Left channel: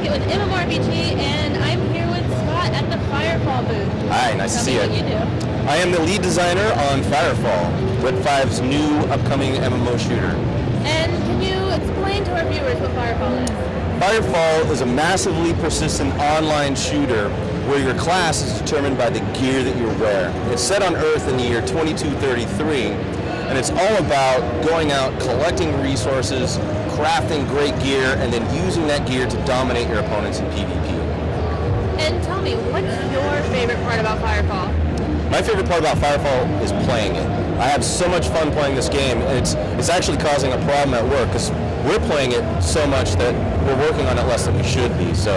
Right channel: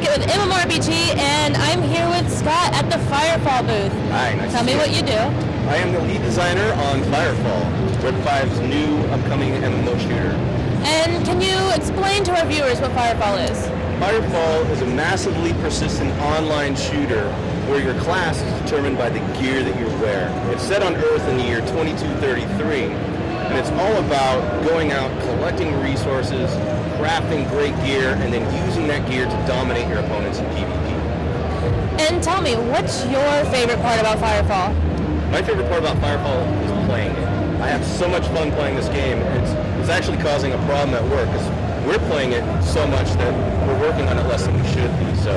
Pokket with MMORPG, and I'm here with Scott at the Firefall booth. Hi, nice to see you. Tell me what you do. I am the lead designer on Firefall, Red 5's new upcoming MMO shooter. And can you explain to our viewers what Firefall is? Firefall is a massively persistent online shooter where your class is determined by the gear that you wear. It's set on Earth in the year 2233, and it's all about going out, collecting resources, crafting great gear, and then using that gear to dominate your opponents in PvP. And tell me, what's your favorite part about Firefall? My favorite part about Firefall is playing it. I have so much fun playing this game, and it's actually causing a problem at work because we're playing it so much that we're working on it less than we should be. So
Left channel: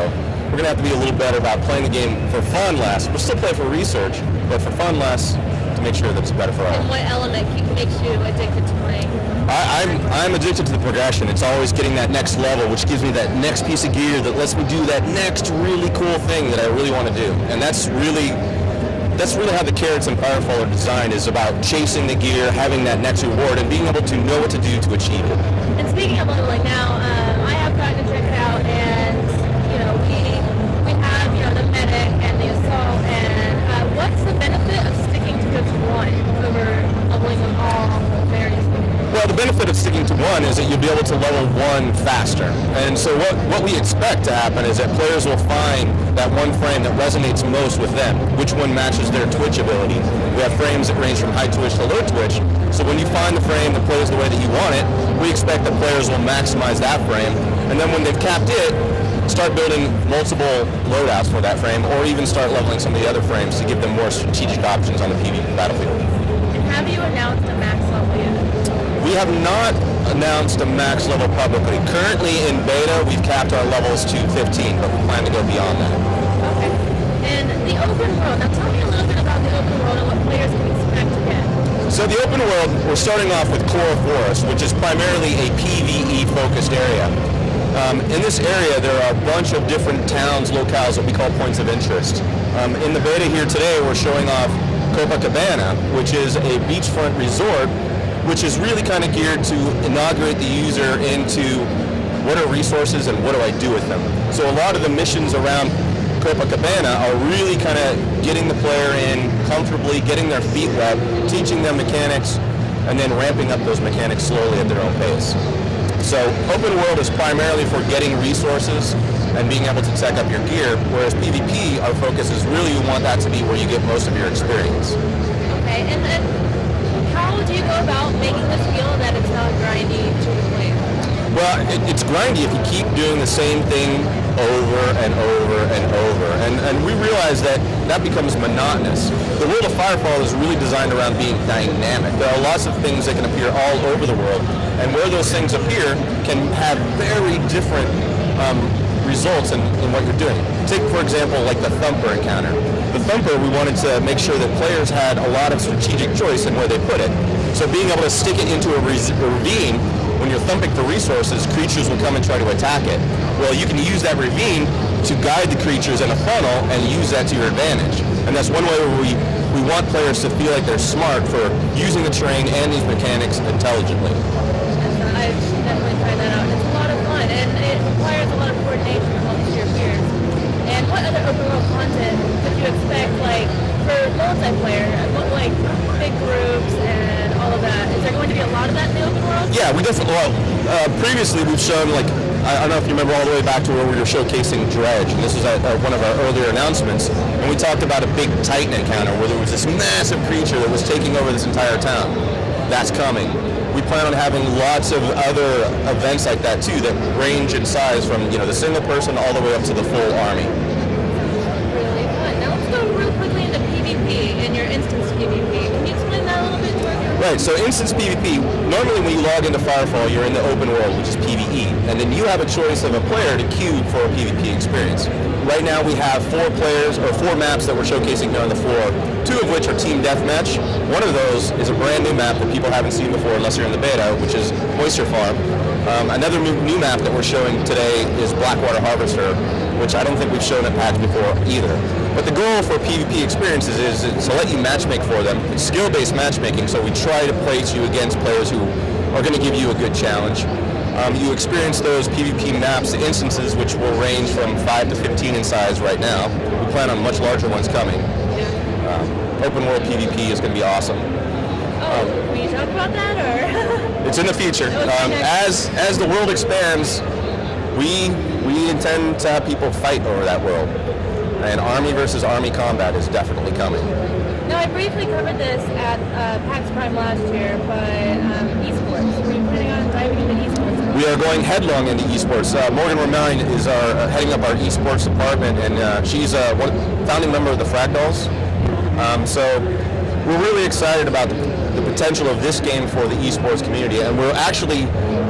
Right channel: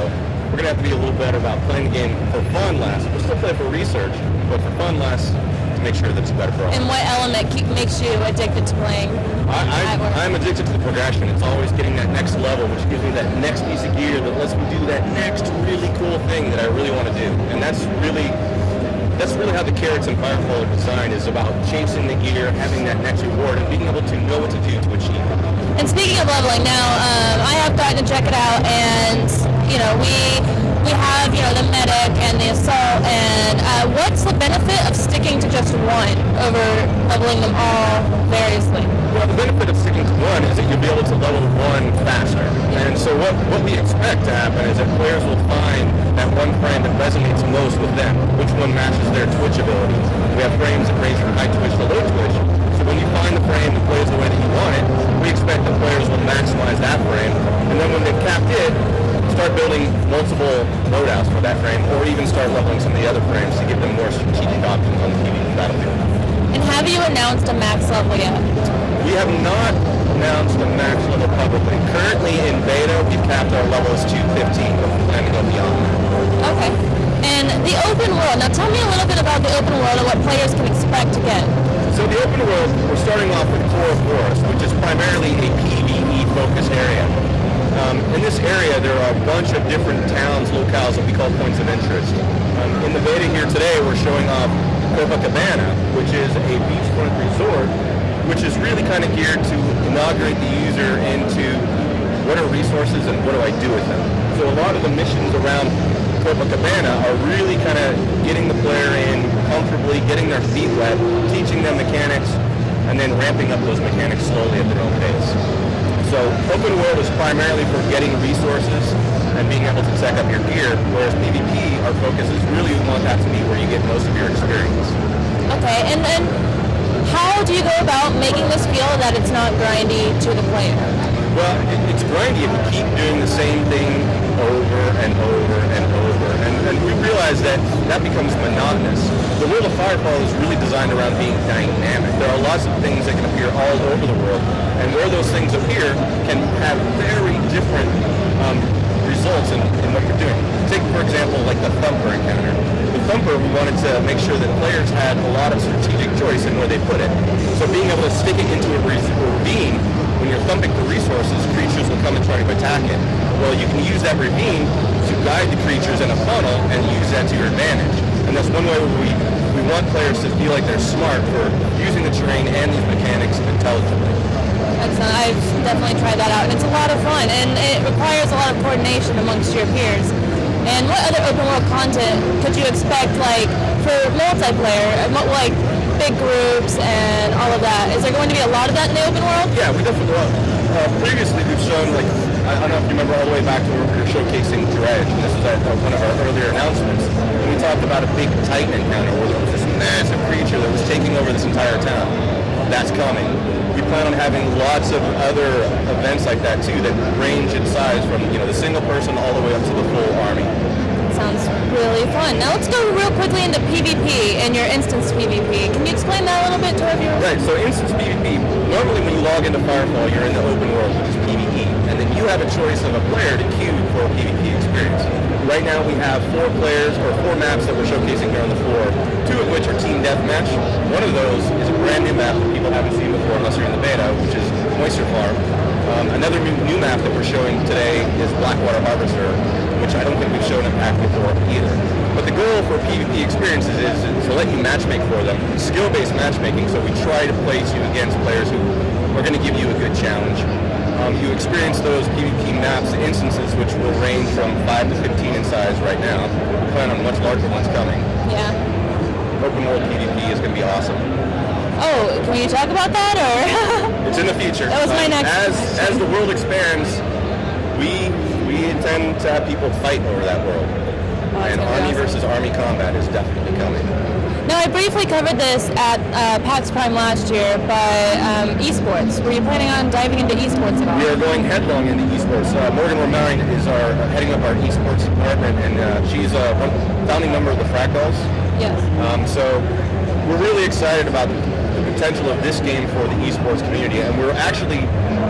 we're going to have to be a little better about playing the game for fun less. We're still playing for research, but for fun less to make sure that it's better for all. And what element makes you addicted to playing? I'm addicted to the progression. It's always getting that next level, which gives me that next piece of gear that lets me do that next really cool thing that I really want to do. And that's really how the carrots in Firefall are designed, is about chasing the gear, having that next reward, and being able to know what to do to achieve it. And speaking of leveling, now I have gotten to check it out, and we have the medic and the assault. And what's the benefit of sticking to just one over leveling them all variously? Well, the benefit of sticking to one is that you'll be able to level one faster. And so what we expect to happen is that players will find that one frame that resonates most with them, which one matches their twitch ability. We have frames that range from high twitch to low twitch. So when you find the frame that plays the way that you want it, we expect that players will maximize that frame. And then when they've capped it, start building multiple loadouts for that frame, or even start leveling some of the other frames to give them more strategic options on the PvP battlefield. And have you announced a max level yet? We have not announced a max level publicly. Currently in beta, we've capped our levels to 15, but we plan to go beyond that. Okay. And the open world. Now tell me a little bit about the open world and what players can expect to get. So the open world, we're starting off with Coral Forest, which is primarily a PvE-focused area. In this area, there are a bunch of different towns, locales that we call points of interest. In the beta here today, we're showing off Copacabana, which is a beachfront resort, which is really kind of geared to inaugurate the user into what are resources and what do I do with them. So a lot of the missions around Copacabana are really kind of getting the player in comfortably, getting their feet wet, teaching them mechanics, and then ramping up those mechanics slowly at their own pace. So open world is primarily for getting resources and being able to tech up your gear, whereas PvP, our focus is really, we want that to be where you get most of your experience. Okay, and then how do you go about making this feel that it's not grindy to the player? Well, it's grindy if you keep doing the same thing over and over and over. And we realize that becomes monotonous. The world of Firefall is really designed around being dynamic. There are lots of things that can appear all over the world. And where those things appear can have very different results in what you're doing. Take, for example, like the Thumper encounter. The Thumper, we wanted to make sure that players had a lot of strategic choice in where they put it. So being able to stick it into a ravine, when you're thumping for resources, creatures will come and try to attack it. Well, you can use that ravine to guide the creatures in a funnel and use that to your advantage. And that's one way where we want players to feel like they're smart for using the terrain and these mechanics intelligently. I've definitely tried that out. It's a lot of fun, and it requires a lot of coordination amongst your peers. And what other open world content could you expect, like, for multiplayer, like big groups and all of that? Is there going to be a lot of that in the open world? Yeah, we're definitely. Previously, we've shown, like, I don't know if you remember all the way back to where we were showcasing Dredge. This was at one of our earlier announcements, and we talked about a big Titan encounter where there was this massive creature that was taking over this entire town. That's coming. We plan on having lots of other events like that too that range in size from the single person all the way up to the full army. Sounds really fun. Now let's go real quickly into PvP and your instance PvP. Can you explain that a little bit to our viewers? Right, so instance PvP, normally when you log into Firefall, you're in the open world, which is PvE, and then you have a choice of a player to queue for a PvP experience. Right now we have 4 maps that we're showcasing here on the floor, 2 of which are team deathmatch. One of those is a brand new map that people haven't seen before unless you're in the beta, which is Oyster Farm. Another new map that we're showing today is Blackwater Harvester, which I don't think we've shown at PAX before either. But the goal for PvP experiences is to let you matchmake for them. It's skill-based matchmaking, so we try to place you against players who are going to give you a good challenge. You experience those PvP maps, instances, which will range from 5 to 15 in size right now. We plan on much larger ones coming. Yeah. Open world PvP is going to be awesome. Oh, can you talk about that, or? It's in the future. That was my next. As the world expands, we intend to have people fight over that world. And army versus army combat is definitely coming. Now, I briefly covered this at PAX Prime last year, but esports. Were you planning on diving into esports at all? We are going headlong into esports. Morgan Lamine is heading up our esports department, and she's one founding member of the Fractals. Yeah. So we're really excited about the potential of this game for the esports community, and we're actually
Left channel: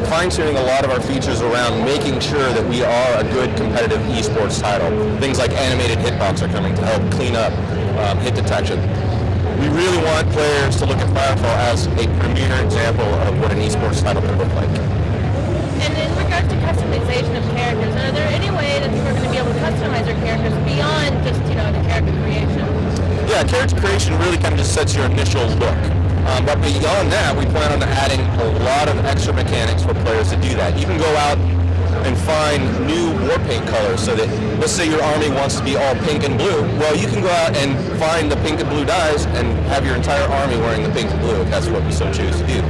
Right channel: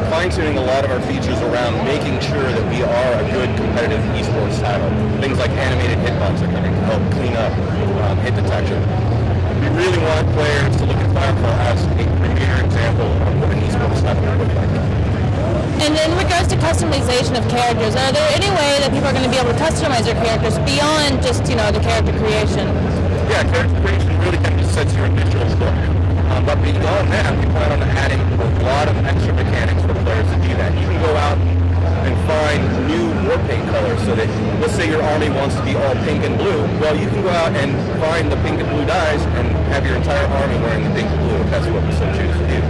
fine-tuning a lot of our features around making sure that we are a good competitive esports title. Things like animated hitbox are coming to help clean up hit detection. We really want players to look at Firefall as a premier example of what an esports title can look like. And in regards to customization of characters, are there any way that people are going to be able to customize their characters beyond just, the character creation? Yeah, character creation really kind of just sets your initial look. But beyond that, we plan on adding a lot of extra mechanics for players to do that. You can go out and find new war paint colors, so that, let's say your army wants to be all pink and blue. Well, you can go out and find the pink and blue dyes and have your entire army wearing the pink and blue, if that's what we so choose to do.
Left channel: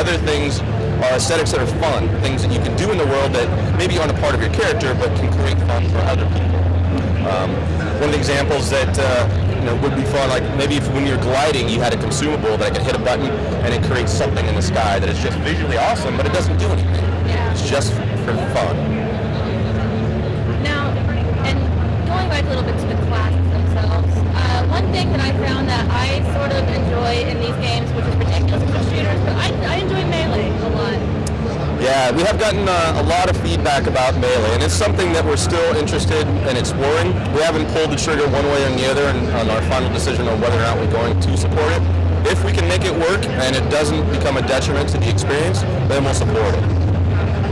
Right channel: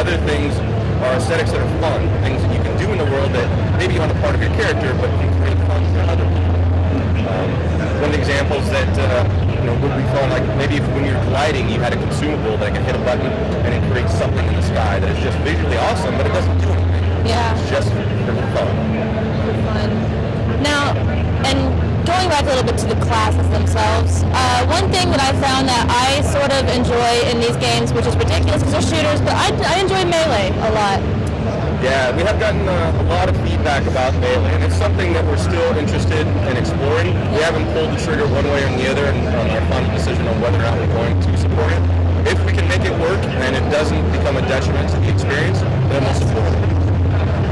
Other things are aesthetics that are fun, things that you can do in the world that maybe aren't a part of your character, but can create fun for other people. One of the examples that would be fun, like maybe if when you're gliding, you had a consumable that could hit a button and it creates something in the sky that is just visually awesome, but it doesn't do anything. Yeah. It's just for fun. Now, and going back a little bit to the classes themselves, one thing that I found that I sort of enjoy in these games, which is ridiculous because they're shooters, but I enjoy melee a lot. Yeah, we have gotten a lot of feedback about melee, and it's something that we're still interested in exploring. We haven't pulled the trigger one way or the other on our final decision on whether or not we're going to support it. If we can make it work and it doesn't become a detriment to the experience, then we'll support it.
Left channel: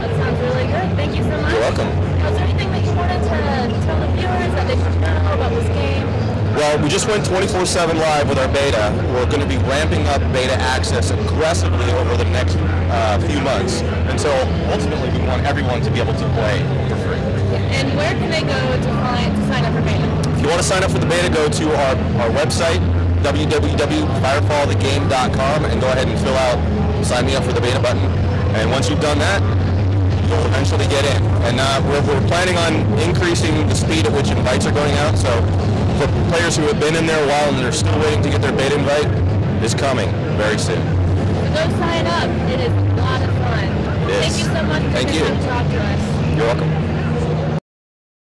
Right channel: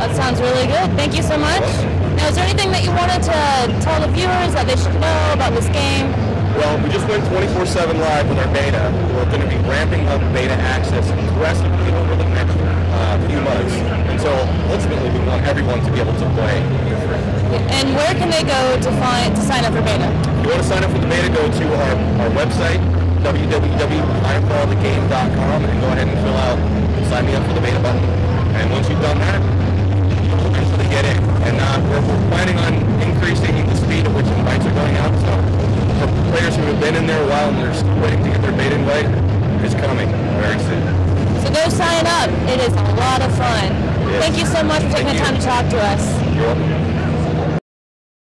That sounds really good. Thank you so much. You're welcome. Now, is there anything that you wanted to tell the viewers that they should know about this game? Well, we just went 24/7 live with our beta. We're going to be ramping up beta access aggressively over the next few months until ultimately we want everyone to be able to play. And where can they go to sign up for beta? If you want to sign up for the beta, go to our website, www.firefallthegame.com, and go ahead and fill out sign me up for the beta button. And once you've done that, you'll eventually get in. And we're planning on increasing the speed at which invites are going out. So for players who have been in there a while and they're still waiting to get their beta invite, is coming very soon. So go sign up. It is a lot of fun. Yes. Thank you so much for taking the time to talk to us. You're welcome.